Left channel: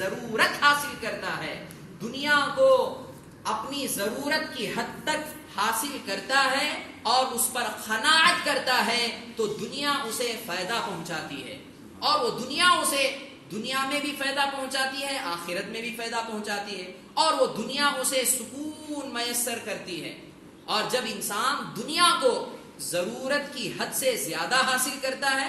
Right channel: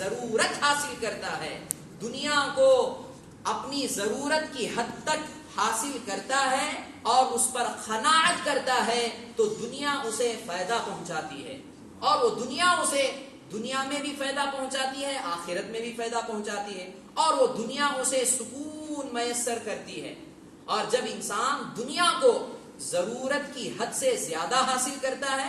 ضرورت حاصل کرتا ہے، دنیا کو اپنی ضرورت کی حد تک حاصل کرتا ہے اور اس پر قناعت کرتا ہے تو دنیا اسے فائدہ پہنچاتی ہے، اور وہ دنیا اسے دنیا میں بھی فائدہ پہنچاتی ہے، آخرت میں بھی فائدہ پہنچاتی ہے، اور وہ دنیا اسے سکون میسر کرتی ہے۔ اور جب انسان دنیا کو ضرورت کی حد سے زیادہ حاصل کرتا ہے،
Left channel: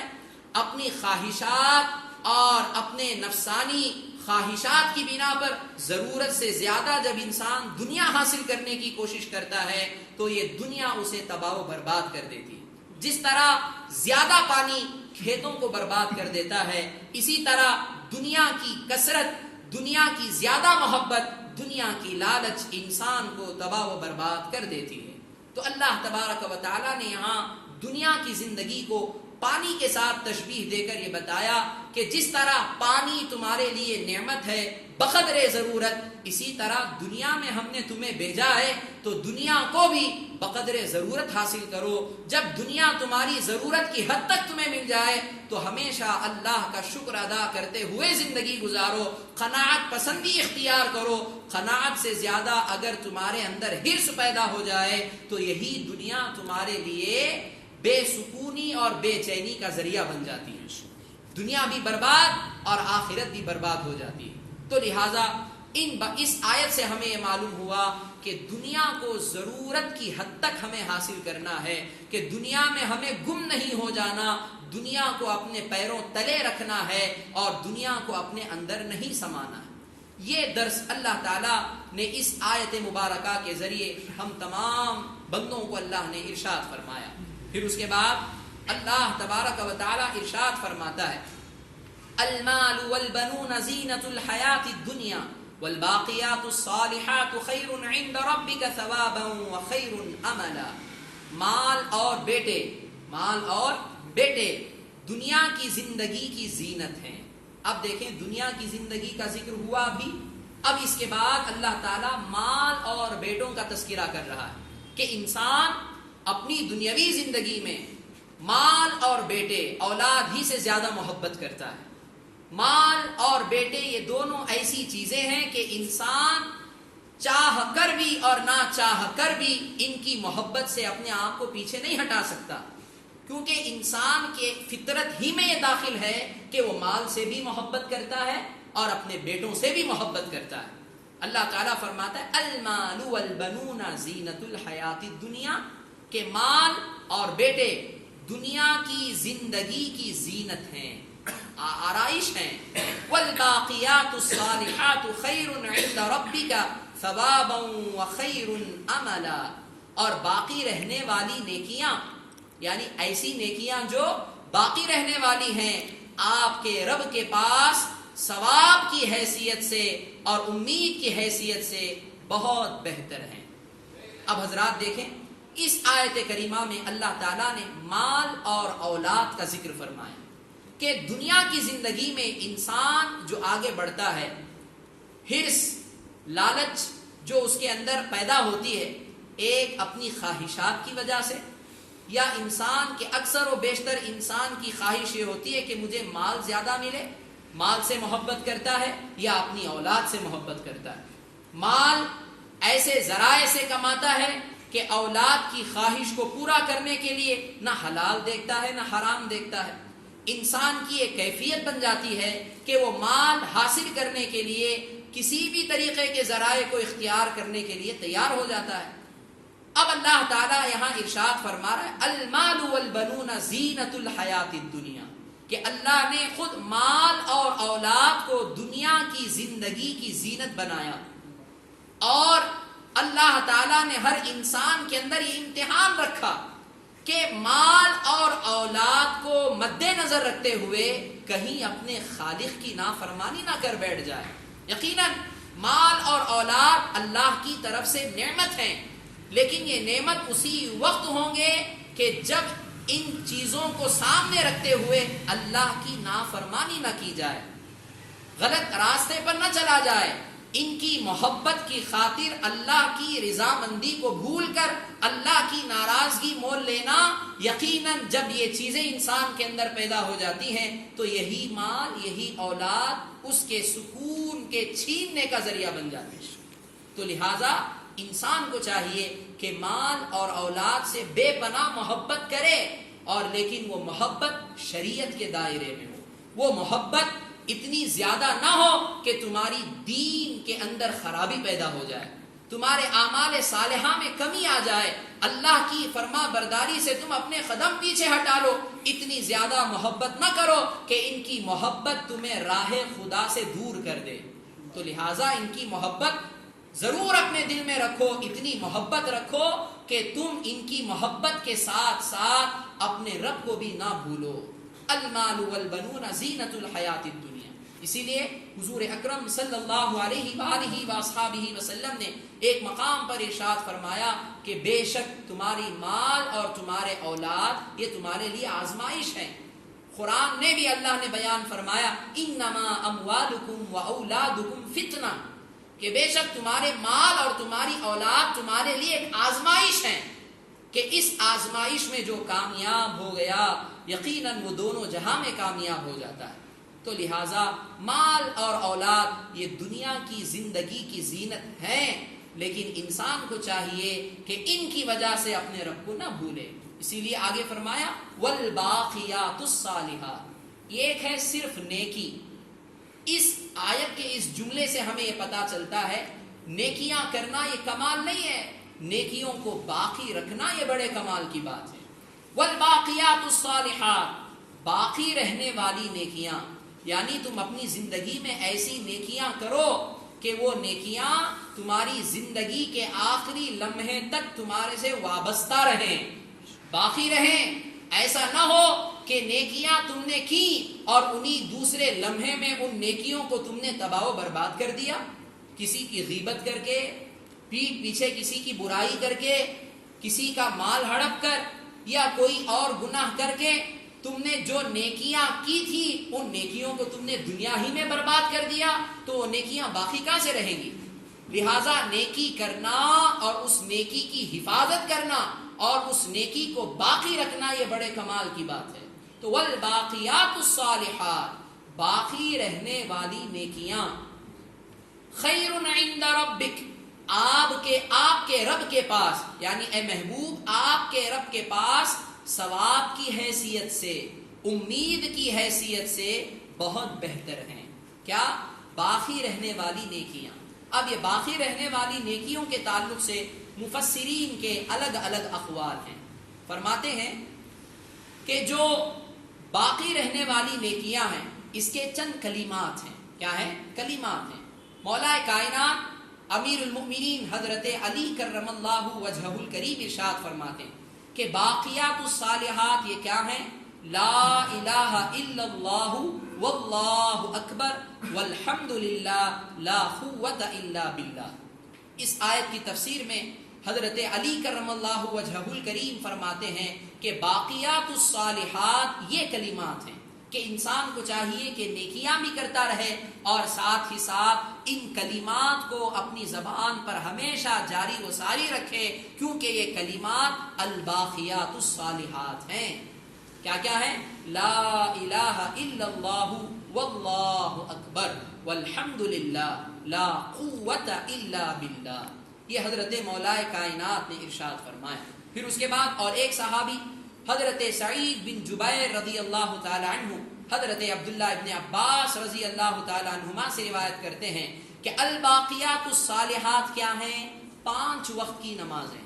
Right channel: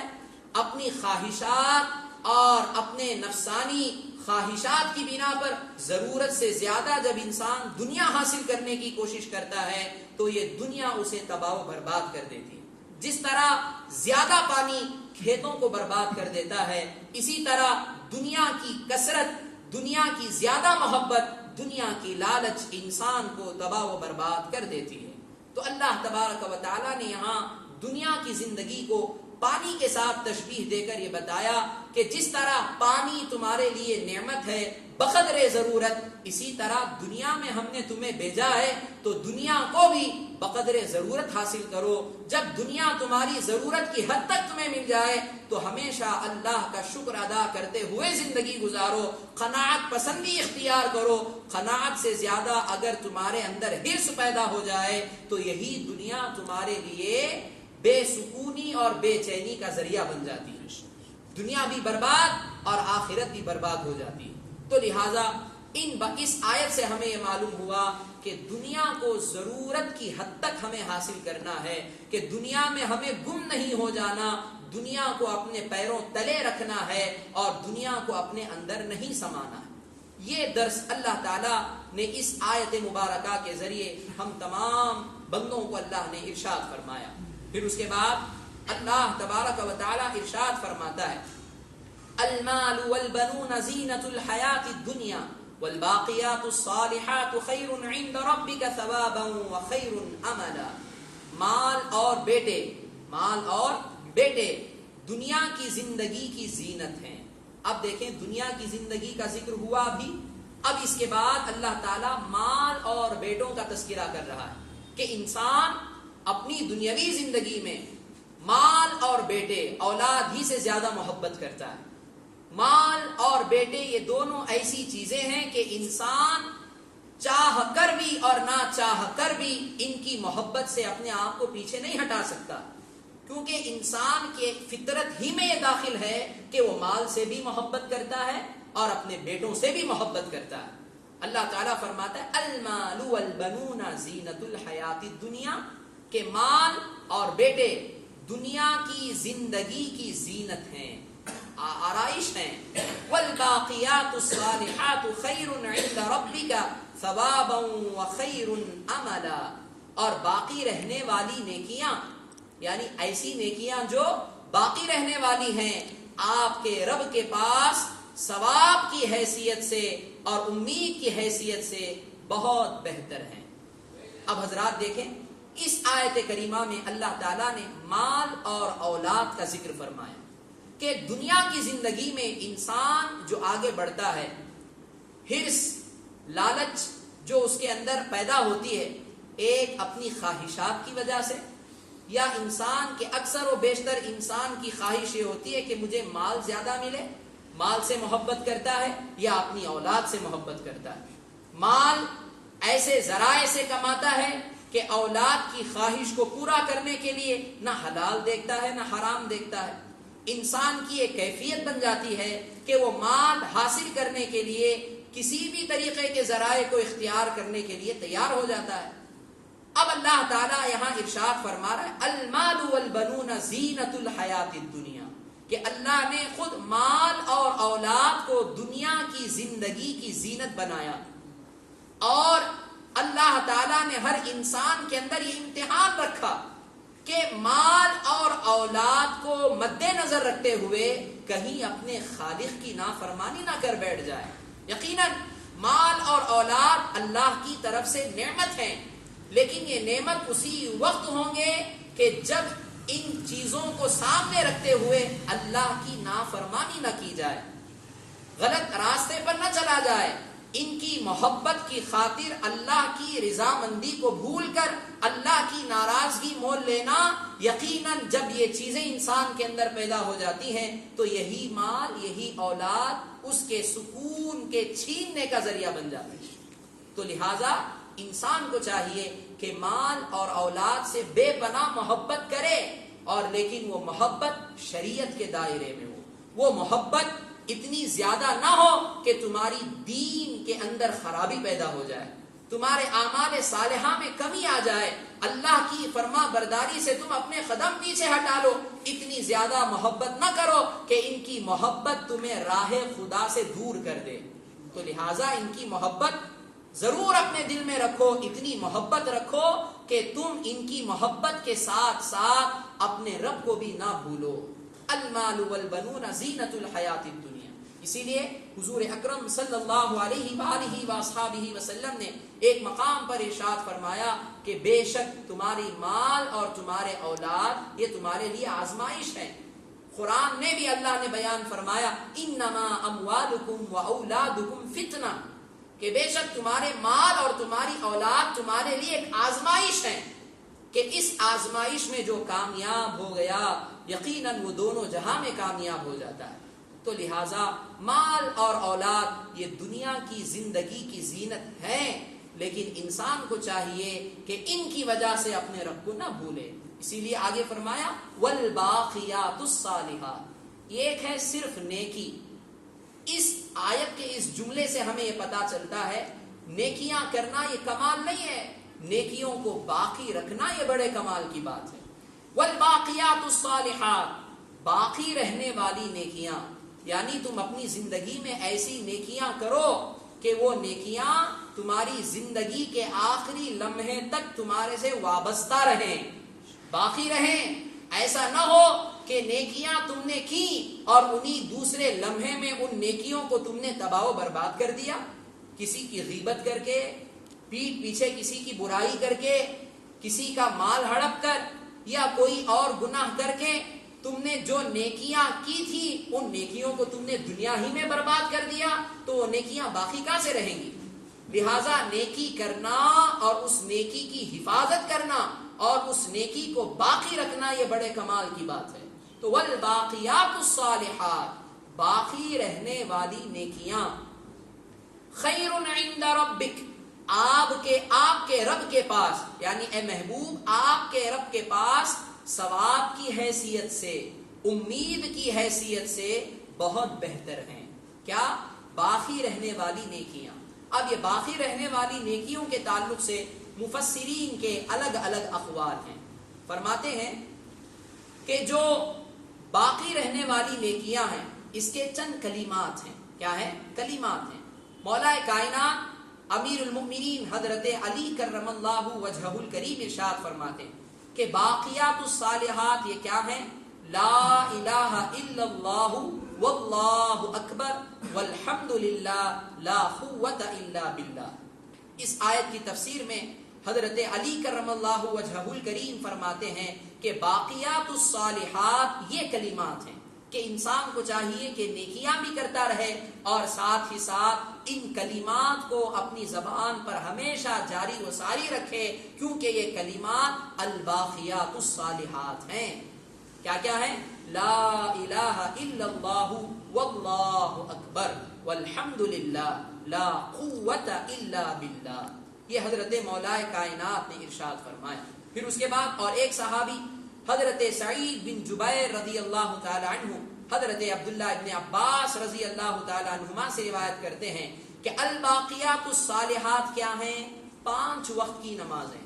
اپنی خواہشات اور اپنے نفسانی خواہشات کی بنا پر ضرورت سے زیادہ جب انسان دنیا حاصل کرنے کی کوشش کرتا ہے تو یہ دنیا اسے تباہ و برباد کر دیتی ہے۔ جس طرح زیادہ پانی کھیتوں کو برباد کر دیتا ہے، اسی طرح دنیا کی کثرت، دنیا کی زیادہ محبت، دنیا کی لالچ انسان کو تباہ و برباد کر دیتی ہے۔ تو اللہ تبارک و تعالیٰ نے یہاں دنیا کی زندگی کو پانی کے ساتھ تشبیہ دے کر یہ بتایا کہ جس طرح پانی تمہارے لیے نعمت ہے بقدر ضرورت، اسی طرح دنیا میں ہم نے تمہیں بھیجا ہے تو دنیا کو بھی بقدر ضرورت حاصل کرو۔ جب دنیا تمہاری ضرورت کی حد تک تمہیں مل جائے تو ہمیشہ اللہ کا شکر ادا کرتے ہوئے زندگی گزارو، قناعت پسندی اختیار کرو۔ قناعت سے زیادہ اگر تمہارے اندر حرص پیدا ہو جائے تو یہی دنیا تمہارے لیے بے سکونی اور بے چینی کا ذریعہ بن جاتی ہے، دنیا بھی برباد اور آخرت بھی برباد ہو جاتی ہے۔ تو لہٰذا اس آیت سے ہمیں یہ معلوم ہوا کہ دنیا کو ضرورت کی حد تک ہمیں حاصل کرنا ہے، کہ دنیا میں ہمیں گم نہیں ہو جانا، دنیا کو اپنے پیروں تلے رکھنا ہے اور دنیا کو اپنے اندر نہیں سمانا ہے۔ یہ درس اللہ تعالیٰ نے اس آیت مبارکہ کے ذریعے ہم تمام بندوں کو اللہ نے ارشاد فرمایا۔ پھر اس کے بعد اللہ تبارک و تعالیٰ ارشاد فرماتا ہے، المال والبنون زینۃ الحیات الدنیا والباقیات الصالحات خیر عند ربک ثوابا وخیر املا۔ مال اور بیٹے دنیا کی زندگی کی زینت ہیں۔ اب دیکھیں دنیا کی زندگی کا ذکر ہوا بھی، اب اس کے بعد اللہ تعالیٰ مال اور بیٹوں کا تذکرہ کر رہا ہے کہ انسان اپنی دنیاوی زندگی میں مال اور بیٹے، اولاد ہی سے زیادہ محبت کرتا ہے۔ مال اور بیٹے یہ دونوں ایسی چیزیں ہیں کہ انسان چاہ کر بھی اور نہ چاہ کر بھی ان کی محبت سے اپنے آپ کو پیچھے نہیں ہٹا سکتا، کیونکہ انسان کے فطرت ہی میں یہ داخل ہے کہ وہ مال سے بھی محبت کرتا ہے اور اپنے بیٹوں سے بھی محبت کرتا ہے۔ اللہ تعالیٰ فرماتا ہے المال والبنون زینۃ الحیات الدنیا، کہ مال اور بیٹے دنیا کی زندگی کی زینت ہیں، آرائش ہیں۔ والباقیات الصالحات خیر عند ربک ثوابا وخیر املا، اور باقی رہنے والی نیکیاں، یعنی ایسی نیکیاں جو باقی رہنے والی ہیں، آپ کے رب کے پاس ثواب کی حیثیت سے اور امید کی حیثیت سے بہت بہتر ہیں۔ اب حضرات دیکھیں اس آیت کریمہ میں اللہ تعالیٰ نے مال اور اولاد کا ذکر فرمایا کہ دنیا کی زندگی میں انسان جو آگے بڑھتا ہے، حرص، لالچ جو اس کے اندر پیدا ہوتی ہے، ایک اپنی خواہشات کی وجہ سے، یا انسان کے اکثر و بیشتر انسان کی خواہش یہ ہوتی ہے کہ مجھے مال زیادہ ملے، مال سے محبت کرتا ہے یا اپنی اولاد سے محبت کرتا ہے۔ مال ایسے ذرائع سے کماتا ہے کہ اولاد کی خواہش کو پورا کرنے کے لیے نہ حلال دیکھتا ہے نہ حرام دیکھتا ہے۔ انسان کی ایک کیفیت بن جاتی ہے کہ وہ مال حاصل کرنے کے لیے کسی بھی طریقے کے ذرائع کو اختیار کرنے کے لیے تیار ہو جاتا ہے۔ اب اللہ تعالیٰ یہاں ارشاد فرما رہا ہے المال والبنون زینۃ الحیات الدنیا، کہ اللہ نے خود مال اور اولاد کو دنیا کی زندگی کی زینت بنایا، اور اللہ تعالیٰ نے ہر انسان کے اندر یہ امتحان رکھا کہ مال اور اولاد کو مد نظر رکھتے ہوئے کہیں اپنے خالق کی نافرمانی نہ کر بیٹھ جائے۔ یقیناً مال اور اولاد اللہ کی طرف سے نعمت ہیں، لیکن یہ نعمت اسی وقت ہوں گے کہ جب ان چیزوں کو سامنے رکھتے ہوئے اللہ کی نافرمانی نہ کی جائے، غلط راستے پر نہ چلا جائے، ان کی محبت کی خاطر اللہ کی رضامندی کو بھول کر اللہ کی ناراضگی مول لینا، یقیناً جب یہ چیزیں انسان کے اندر پیدا ہو جاتی ہیں تو یہی مال، یہی اولاد اس کے سکون کے چھیننے کا ذریعہ بن جاتے ہیں۔ تو لہٰذا انسان کو چاہیے کہ مال اور اولاد سے بے پناہ محبت کرے، اور لیکن وہ محبت شریعت کے دائرے میں ہو، وہ محبت اتنی زیادہ نہ ہو کہ تمہاری دین کے اندر خرابی پیدا ہو جائے، تمہارے اعمال صالحہ میں کمی آ جائے، اللہ کی فرما برداری سے تم اپنے قدم پیچھے ہٹا لو۔ اتنی زیادہ محبت نہ کرو کہ ان کی محبت تمہیں راہ خدا سے دور کر دے۔ تو لہٰذا ان کی محبت ضرور اپنے دل میں رکھو، اتنی محبت رکھو کہ تم ان کی محبت کے ساتھ ساتھ اپنے رب کو بھی نہ بھولو۔ المال والبنون زینت الحیات الدنیا۔ اسی لیے حضور اکرم صلی اللہ علیہ وآلہ وصحبہ وسلم نے ایک مقام پر ارشاد فرمایا کہ بے شک تمہاری مال اور تمہارے اولاد یہ تمہارے لیے آزمائش ہے۔ قرآن میں بھی اللہ نے بیان فرمایا انما اموالکم واولادکم فتنہ، کہ بے شک تمہارے مال اور تمہاری اولاد تمہارے لیے ایک آزمائش ہے، کہ اس آزمائش میں جو کامیاب ہو گیا یقیناً وہ دونوں جہاں میں کامیاب ہو جاتا ہے۔ تو لہٰذا مال اور اولاد یہ دنیا کی زندگی کی زینت ہے، لیکن انسان کو چاہیے کہ ان کی وجہ سے اپنے رب کو نہ بھولے۔ اسی لیے آگے فرمایا والباقیات الصالحات، یہ ایک ہے صرف نیکی۔ اس آیت کے اس جملے سے ہمیں یہ پتا چلتا ہے نیکیاں کرنا یہ کمال نہیں ہے، نیکیوں کو باقی رکھنا یہ بڑے کمال کی بات ہے۔ والباقیات الصالحات، باقی رہنے والی نیکیاں، یعنی تم اپنی زندگی میں ایسی نیکیاں کرو کہ وہ نیکیاں تمہاری زندگی کے آخری لمحے تک تمہارے سے وابستہ رہیں، باقی رہیں۔ ایسا نہ ہو کہ نیکیاں تم نے کی اور انہی دوسرے لمحے میں ان نیکیوں کو تم نے تباہ و برباد کر دیا، کسی کی غیبت کر کے، پیٹھ پیچھے کسی کی برائی کر کے، کسی کا مال ہڑپ کر، یا کوئی اور گناہ کر کے تم نے جو نیکیاں کی تھی ان نیکیوں کو تم نے دنیا ہی میں برباد کر دیا، تو وہ نیکیاں باقی کہاں سے رہیں گی؟ لہٰذا نیکی کرنا اور اس نیکی کی حفاظت کرنا اور اس نیکی کو باقی رکھنا یہ بڑے کمال کی بات ہے۔ تو والباقیات الصالحات، باقی رہنے والی نیکیاں، خیر عند ربک، آپ کے رب کے پاس، یعنی اے محبوب آپ کے رب کے پاس ثواب کی حیثیت سے، امید کی حیثیت سے بہت بہتر ہیں۔ کیا؟ باقی رہنے والی نیکیاں۔ اب یہ باقی رہنے والی نیکیوں کے تعلق سے مفسرین کے الگ الگ اقوال ہیں۔ فرماتے ہیں کہ جو باقی رہنے والی نیکیاں ہیں اس کے چند کلمات ہیں۔ کیا ہیں؟ کلمات ہیں۔ مولا کائنات امیر المؤمنین حضرت علی کرم اللہ وجہہ الکریم ارشاد فرماتے ہیں کہ باقیات الصالحات یہ کیا ہیں؟ لا الہ الا اللہ واللہ اکبر والحمد للہ لا قوت الا باللہ۔ اس آیت کی تفسیر میں حضرت علی کرم اللہ وجہہ الکریم فرماتے ہیں کہ باقیات الصالحات یہ کلمات ہیں کہ انسان کو چاہیے کہ نیکیاں بھی کرتا رہے اور ساتھ ہی ساتھ ان کلمات کو اپنی زبان پر ہمیشہ جاری و ساری رکھے، کیونکہ یہ کلمات الباقیات الصالحات ہیں۔ کیا کیا ہے؟ لا الہ الا اللہ واللہ اکبر والحمد للہ لا قوت الا باللہ۔ یہ حضرت مولا کائنات نے ارشاد فرمایا۔ پھر اس کے بعد اور ایک صحابی حضرت سعید بن جبیر رضی اللہ تعالی عنہ حضرت عبداللہ ابن عباس رضی اللہ تعالی عنہما سے روایت کرتے ہیں کہ الباقیات الصالحات کیا ہیں؟ 5 وقت کی نمازیں۔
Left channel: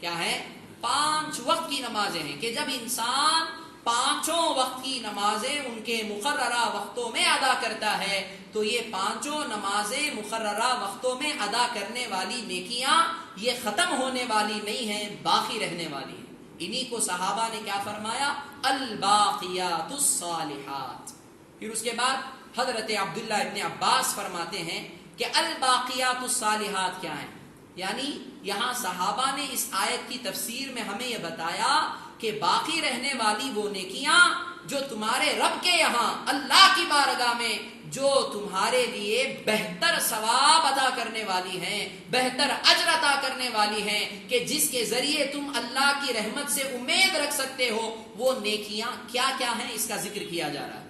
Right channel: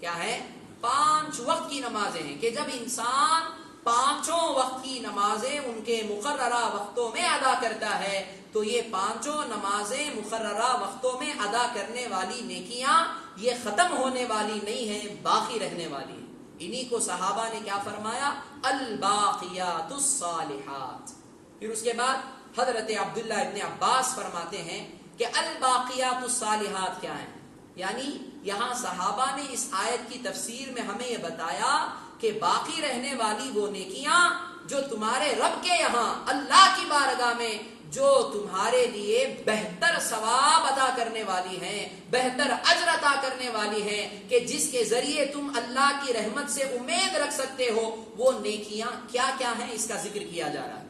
کیا ہے؟ 5 وقت کی نمازیں ہیں کہ جب انسان 5 وقت کی نمازیں ان کے مقررہ وقتوں میں ادا کرتا ہے تو یہ 5 نمازیں مقررہ وقتوں میں ادا کرنے والی نیکیاں یہ ختم ہونے والی نہیں ہیں، باقی رہنے والی ہیں۔ انہی کو صحابہ نے کیا فرمایا؟ الباقیات الصالحات۔ پھر اس کے بعد حضرت عبداللہ ابن عباس فرماتے ہیں کہ الباقیات الصالحات کیا ہیں؟ یعنی یہاں صحابہ نے اس آیت کی تفسیر میں ہمیں یہ بتایا کہ باقی رہنے والی وہ نیکیاں جو تمہارے رب کے یہاں اللہ کی بارگاہ میں جو تمہارے لیے بہتر ثواب ادا کرنے والی ہیں، بہتر اجر عطا کرنے والی ہیں، کہ جس کے ذریعے تم اللہ کی رحمت سے امید رکھ سکتے ہو، وہ نیکیاں کیا کیا ہیں اس کا ذکر کیا جا رہا ہے۔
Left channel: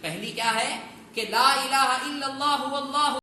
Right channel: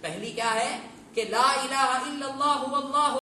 پہلی کیا ہے کہ لا الہ الا اللہ واللہ